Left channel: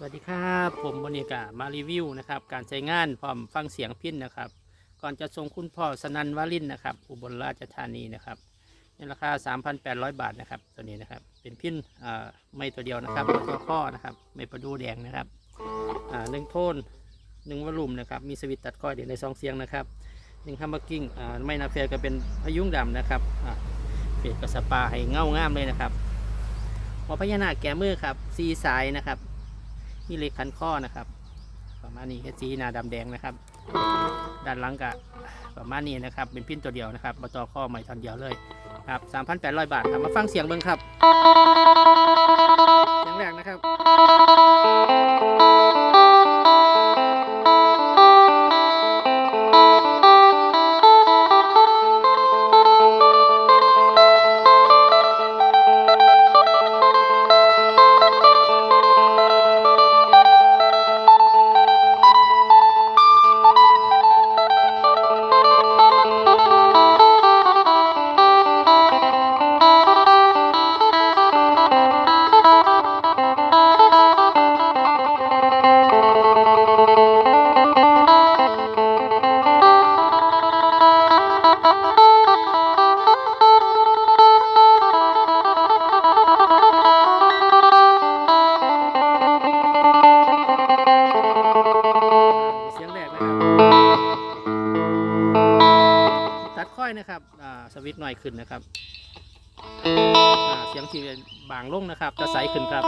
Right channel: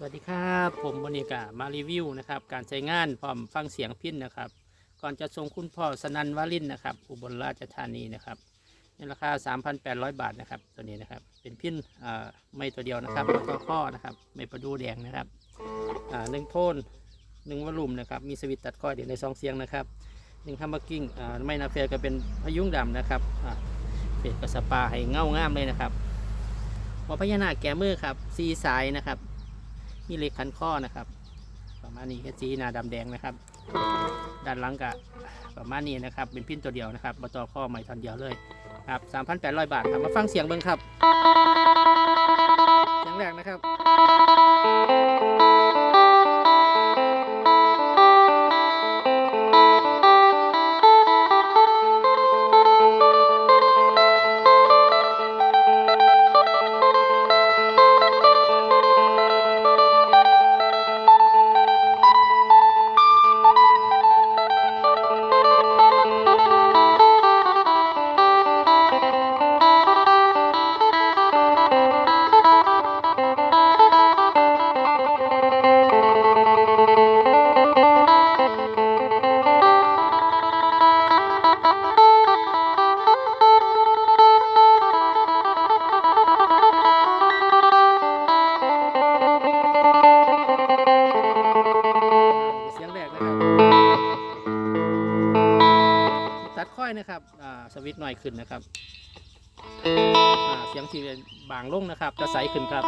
สวัสดีครับผมบริกามารีวิวนะครับการใช้งานพร้อมฟังเสียงพินนะครับ ก่อนจะส่งคุณพ่อสนันวาลินนะครับ อุบลราชธานีนะครับในราคา 3,800 บาทนะครับ ตัวนี้นะครับ เป็นพินไม่ตัวเดียวนะครับตัวข้อนะครับ ไม่ประดูแดงนะครับหนึ่งโทนหนึ่งวอลุ่มนะครับ มีสวิตตัดข้อยเดียวในซองเสียงนะครับหนึ่งฮัมเบอร์กิ้งไม่นาเฟลก็เป็นพยุงดำนะครับเฟดกับสปาให้เงางามเลยนะครับหัวพญานาคแก้มือครับซีสายนะครับ มีเหล็กคันข้อนะครับ ประมาณนี้แค่สีหนาดำแดงนะครับ ด้านหลังกะประมาณนี้นะครับ เป็นพินตัวเดียวนะครับบต่อข้อใหม่ทอนเดียวเลยครับ3,800 บาทครับมาฟังเสียงเบิ้งครับเสียงแรกนะครับ สวิตช์หน่อยขึ้นนะครับเสียงทีบางลงนะครับจะใสขึ้นครับ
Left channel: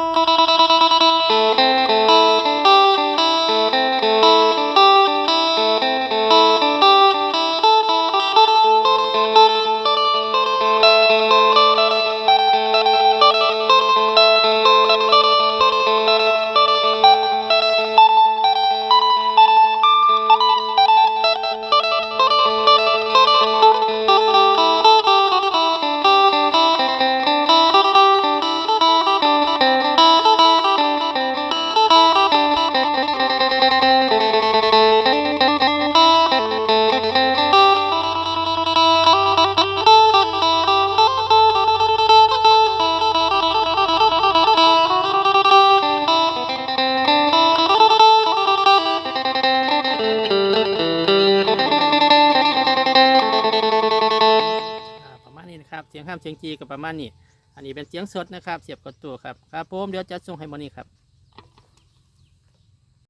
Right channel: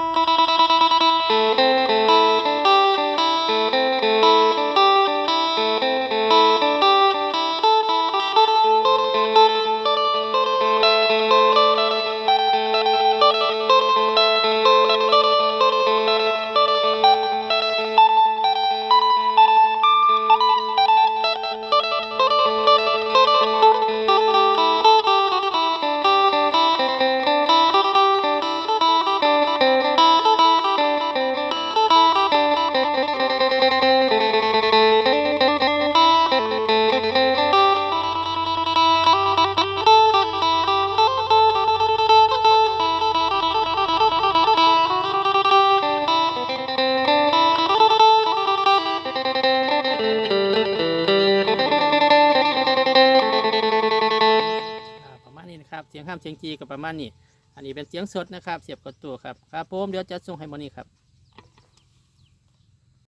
นะครับเสียงห้ามเสียงจีกับประมาณนี้ อันนี้เป็นเสียงสดนะครับ เสียบกับตัวครับครับผมเดี๋ยวจะส่งให้มอนี่ครับ